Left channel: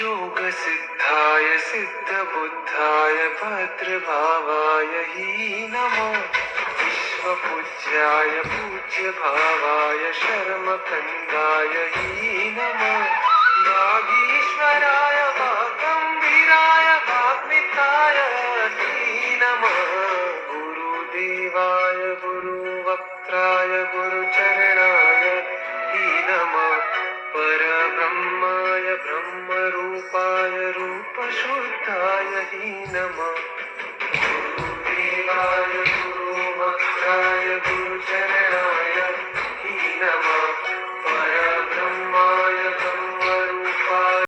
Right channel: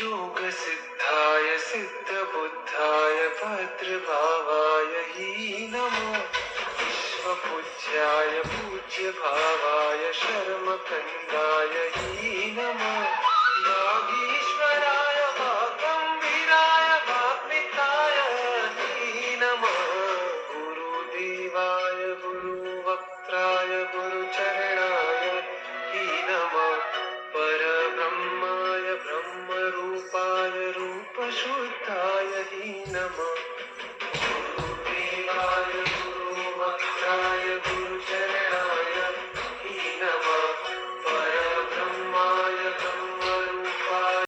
योग सिद्धाय सिद्धबुद्धाय भद्रभावाय हि नमः। विश्वपूज्याय पूज्यभावाय शर्मखण्डाय हि नमः। वागीश्वराय वागम्भीराय वाग्मिताय हि नमः। गुरुदेवाय गुरुवक्त्राय गुरुचरणाय हि नमः। परब्रह्माय ब्रह्मरूपाय रूपशुद्धाय हि नमः।